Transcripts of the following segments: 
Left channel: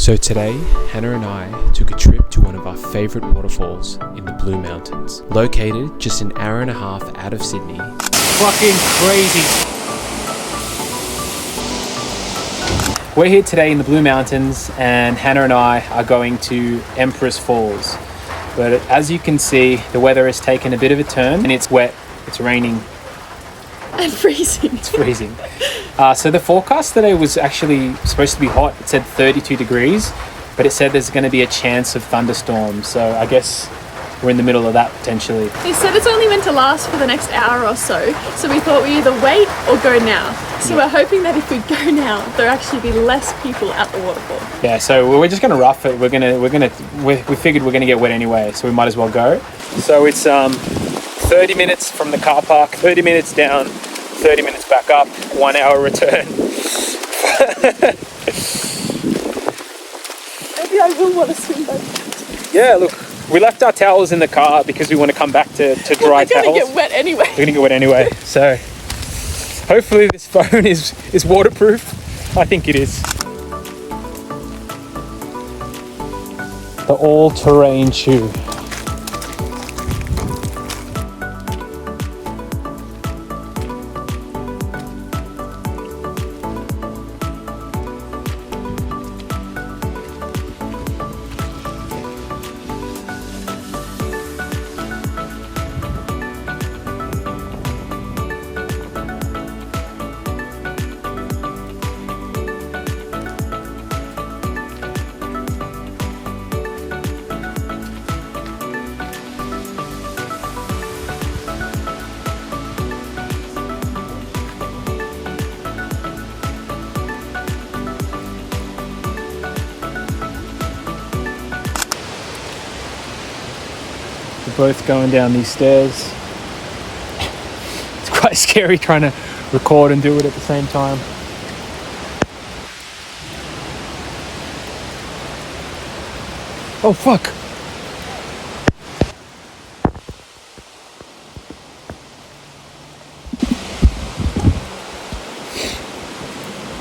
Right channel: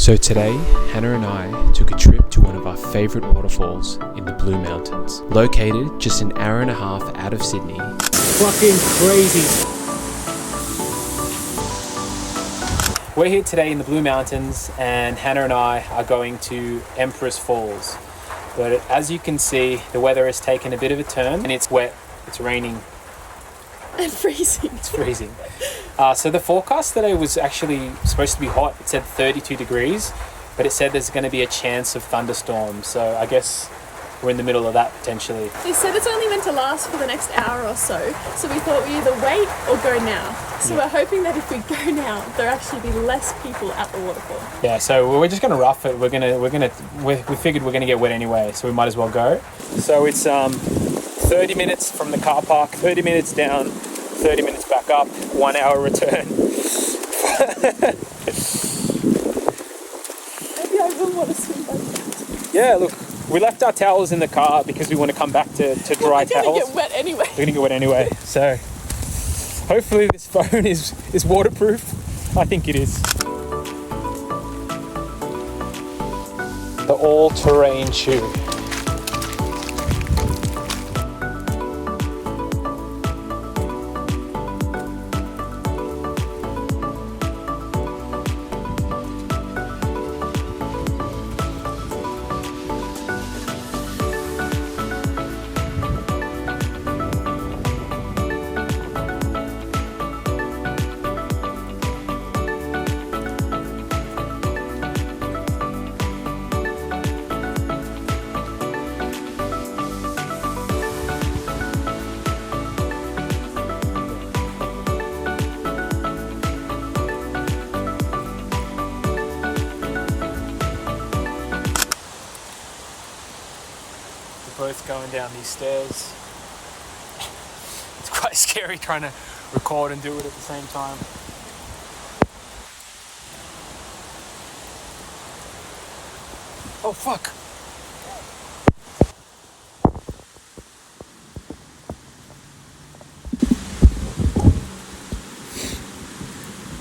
So today, Hannah and I took a trip to one of our favourite waterfalls in the Blue Mountains, located just an hour and a half out of Sydney. Fucking crazy. We're here today in the Blue Mountains and Hannah and I are going to Empress Falls. But as you can see, the weather has taken a bit of a turn and it's wet, it's raining. And freezing. It's freezing. So the forecast today was actually supposed to be hot. It said 32 degrees, but it said there's going to be a chance of thunderstorms. So I guess we're in the middle of that potentially. They said it's only meant to last for the next hour or so we thought we either wait or go now. So We're hoping that if we go now, there'll actually be less people at the waterfall. Yeah, so we're just going to rough it. We figured we're going to get wet anyway, so we might as well go. So it's 30 minutes from the car park, 30 minutes down, 30 minutes back up, 1 hour return. Maybe I will want to swim back. Yeah, look, we left our towels in the car because we want to come back to dry towels. We're going to get wet anyway. We're going to get wet anyway. So hopefully this phone is waterproof. I think it is. The all-terrain shoe. We're both going down these stairs. It's quite scary trying to record and do it at the same time. Oh fuck!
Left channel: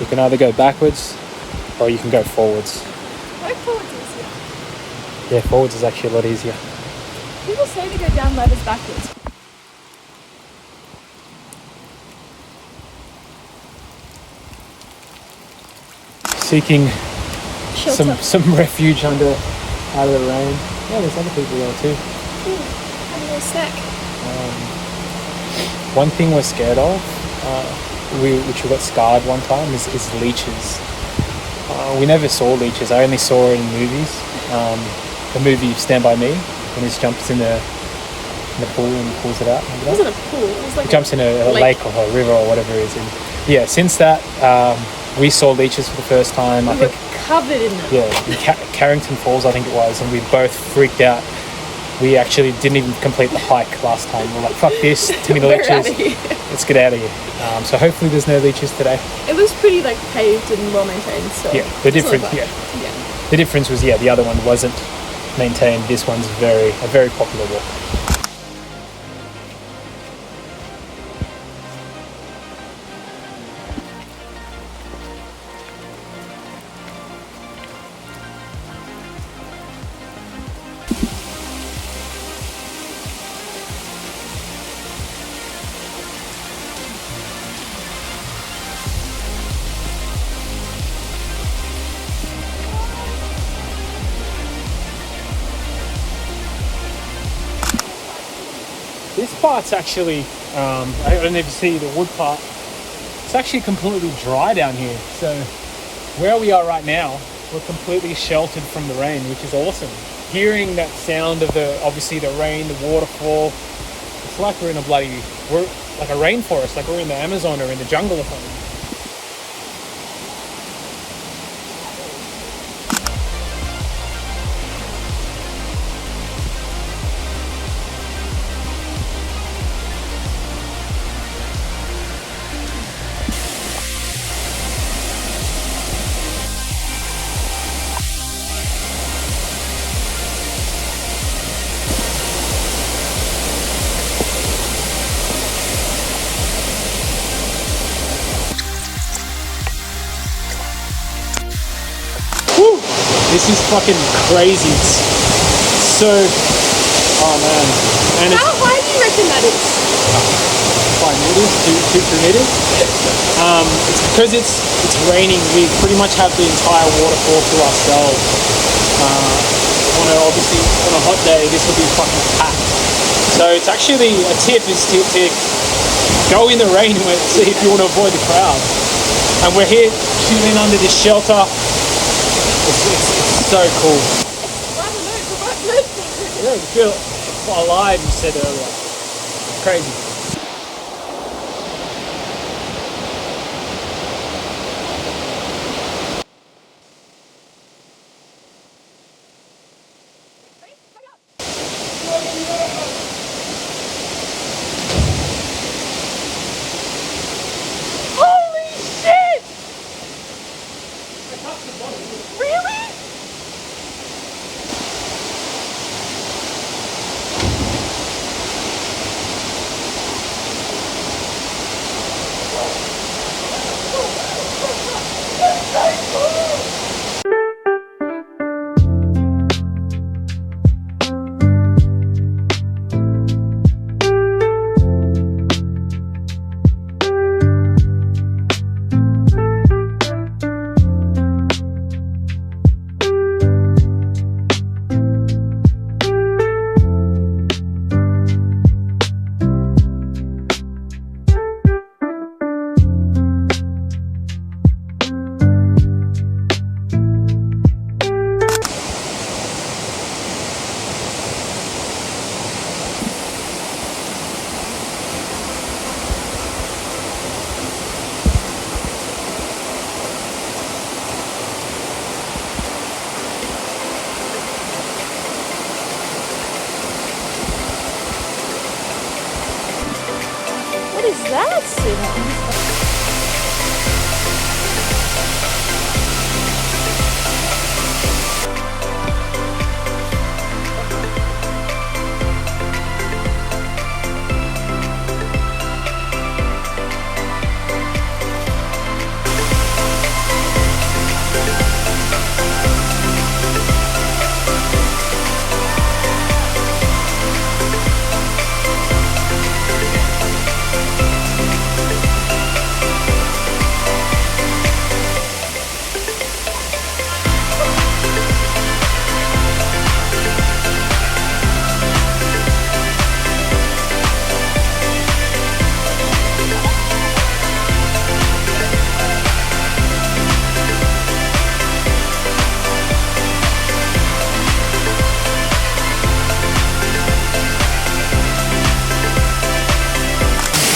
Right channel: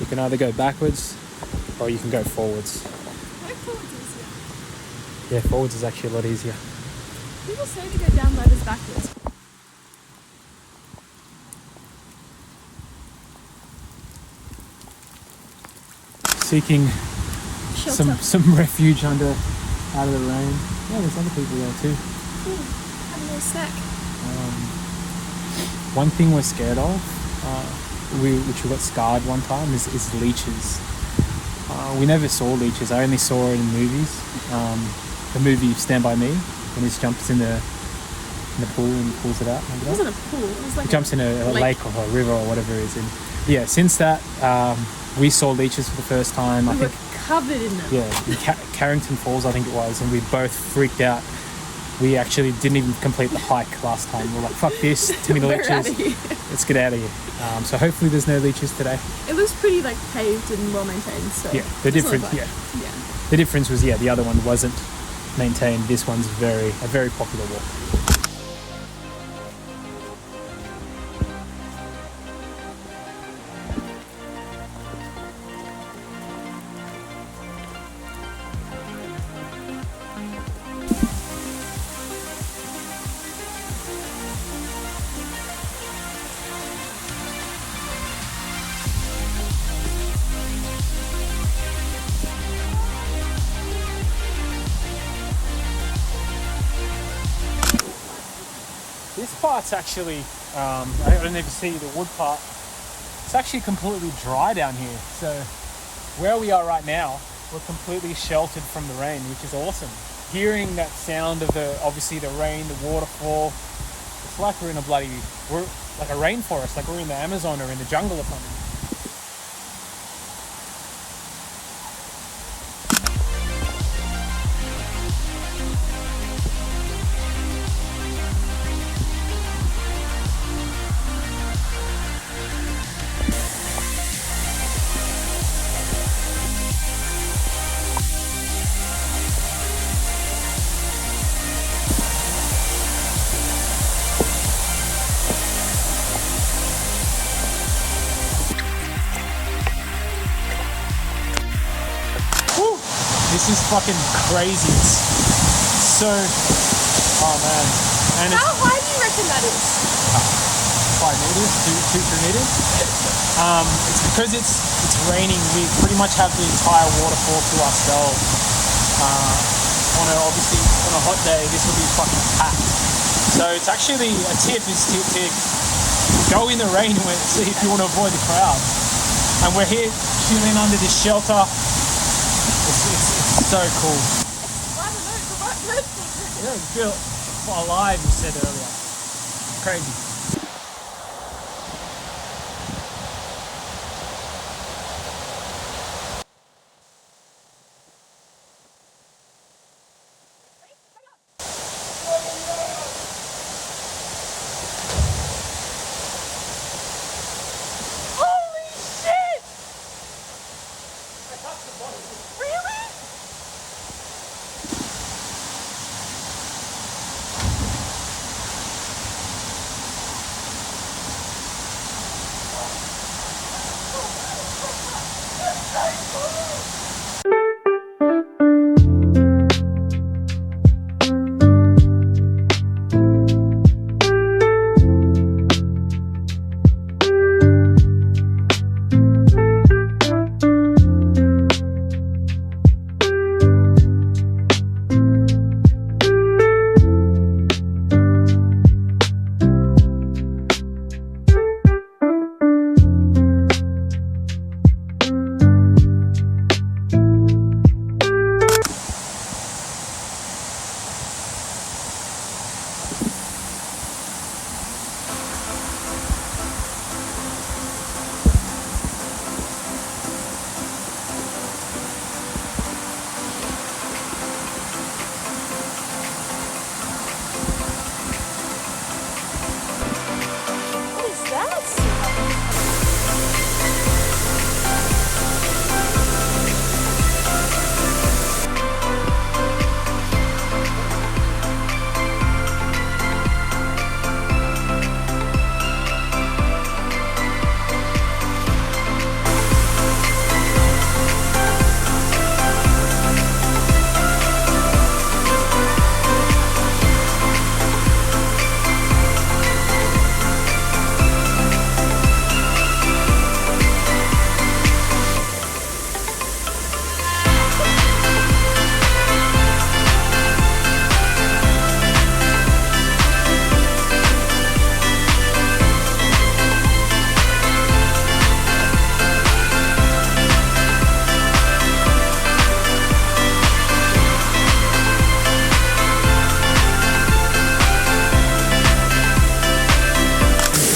You can either go backwards or you can go forwards. Go forwards easier. Yeah, forwards is actually a lot easier. People say to go down ladders backwards. Seeking Shelter. some refuge out of the rain. Yeah, there's other people there too. Have a little snack. One thing we're scared of, which we got scarred one time, is leeches. We never saw leeches. I only saw it in movies. The movie Stand By Me, when he just jumps in the pool and pulls it out. It wasn't a pool. It was like jumps in a lake or a river or whatever it is. And yeah, since that, we saw leeches for the first time. We were covered in them. Yeah, in Carrington Falls, I think it was, and we both freaked out. We actually didn't even complete the hike last time. We were like, fuck this, too many leeches. Out of here. Let's get out of here. So hopefully there's no leeches today. It was pretty like paved and well maintained. So yeah, the difference. The difference was the other one wasn't maintained. This one's a very popular walk. This part's actually, I don't even see the wood part. It's actually completely dry down here. So where we are right now, we're completely sheltered from the rain, which is awesome. Hearing that sound of obviously the rain, the waterfall, it's like we're like a rainforest, like we're in the Amazon or in the jungle or something. This is fucking crazy. It's so, oh man. And How high do you reckon that is? 5 meters, 2 meters. It's because it's raining. We pretty much have the entire waterfall to ourselves. Obviously on a hot day, this will be fucking packed. So it's actually a tip is to go in the rain if you want to avoid the crowds. And we're here chilling under this shelter. It's so cool. Yeah, you feel alive, you said earlier. Crazy.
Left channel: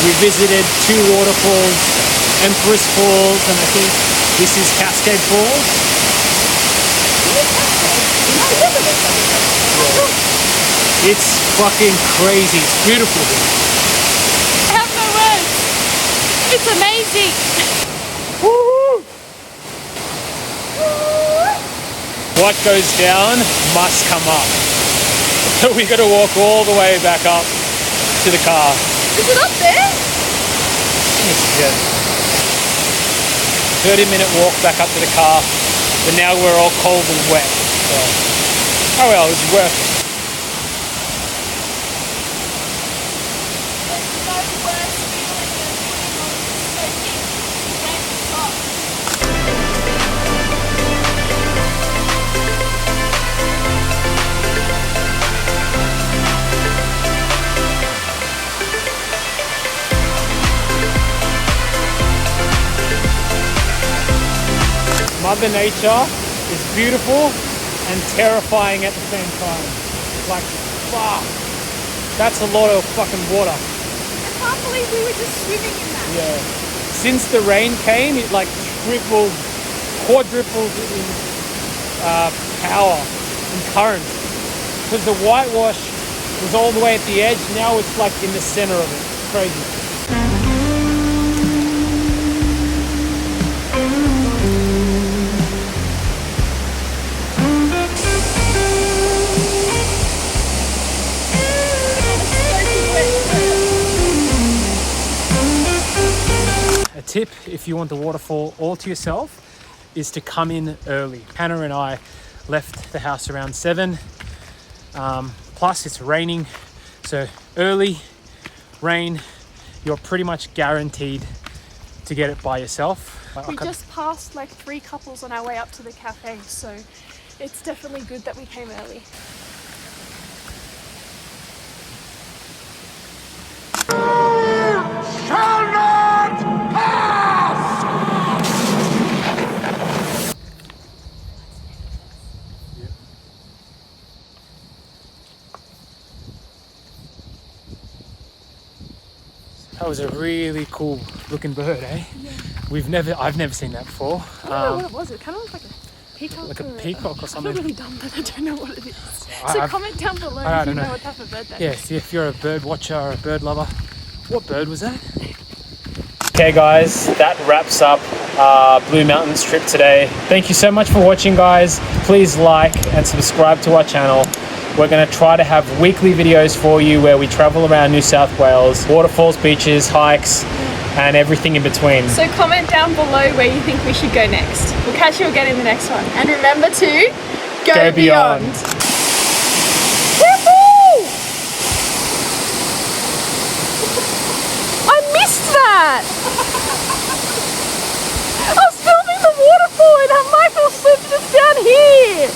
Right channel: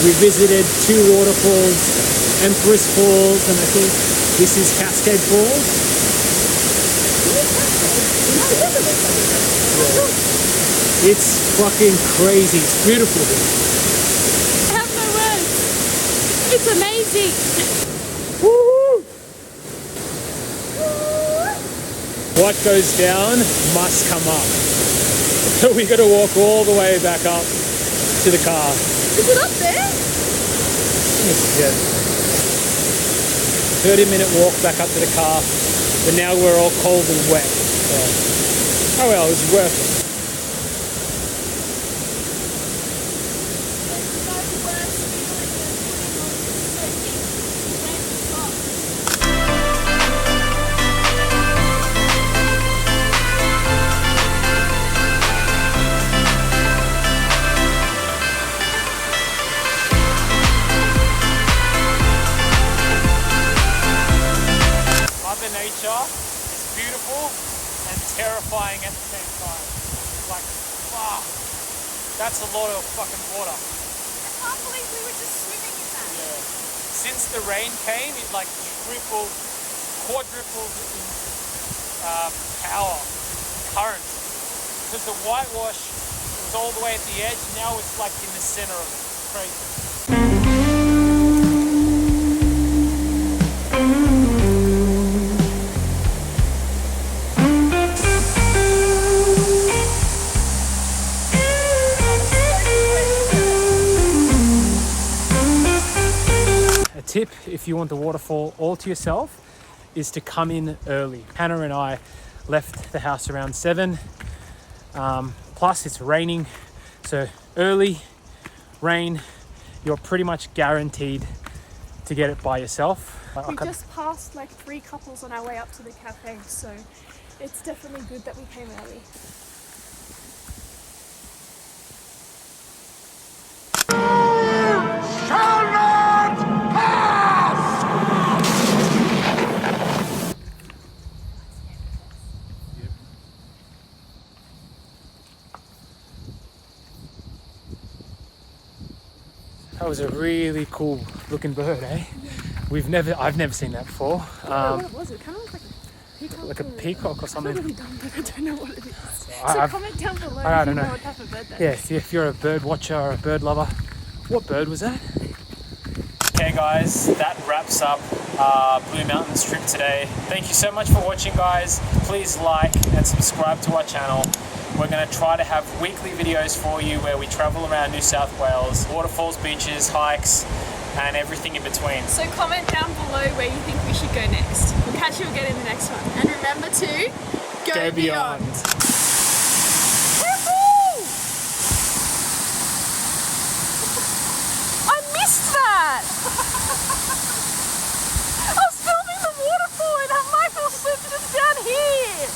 We visited 2 waterfalls, Empress Falls, and I think this is Cascade Falls. Yeah. It's fucking crazy. It's beautiful here. I have no words. It's amazing. Woo-hoo. What goes down must come up. So we got to walk all the way back up to the car. Is it up there? Yeah. 30-minute walk back up to the car, but now we're all cold and wet. So, oh well, it was worth it. Mother Nature is beautiful and terrifying at the same time. Like, fuck. That's a lot of fucking water. I can't believe we were just swimming in that. Yeah. Since the rain came, it like tripled, quadrupled in power and current. Because the whitewash was all the way at the edge, now it's like in the center of it. It's crazy. Tip if you want the waterfall all to yourself is to come in early. Hannah and I left the house around 7. Plus it's raining, so early rain, you're pretty much guaranteed to get it by yourself. We just passed like 3 couples on our way up to the cafe, so it's definitely good that we came early. Shall not pass! That was a really cool looking bird, eh? Yeah. I've never seen that before. I don't know what it was. It kind of looked like a peacock. Like a peacock or something. I feel really dumb, but I don't know what it is. So comment down below if you know what type of bird that is. Yeah, if you're a bird watcher or a bird lover. What bird was that? Okay guys, that wraps up our Blue Mountains trip today. Thank you so much for watching, guys. Please like and subscribe to our channel. We're going to try to have weekly videos for you where we travel around New South Wales, waterfalls, beaches, hikes, and everything in between. So comment down below where you think we should go next. We'll catch you again in the next one. And remember to go beyond. Woohoo! I missed that! I was filming the waterfall and Michael slipped us down here!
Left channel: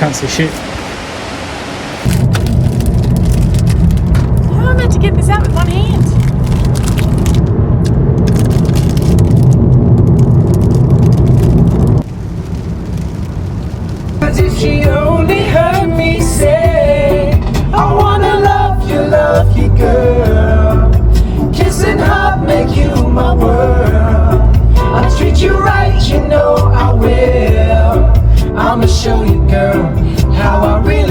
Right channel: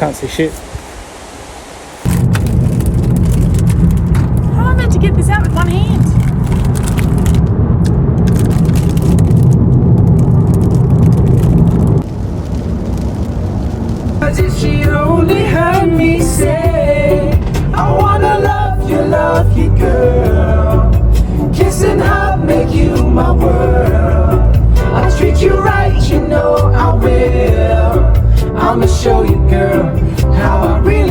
Can't see shit. How am I meant to get this out with one hand? But if she only heard me say, I wanna love you, girl. Kiss and hug make you my world. I'll treat you right, you know I will. I'ma show you, girl, how I really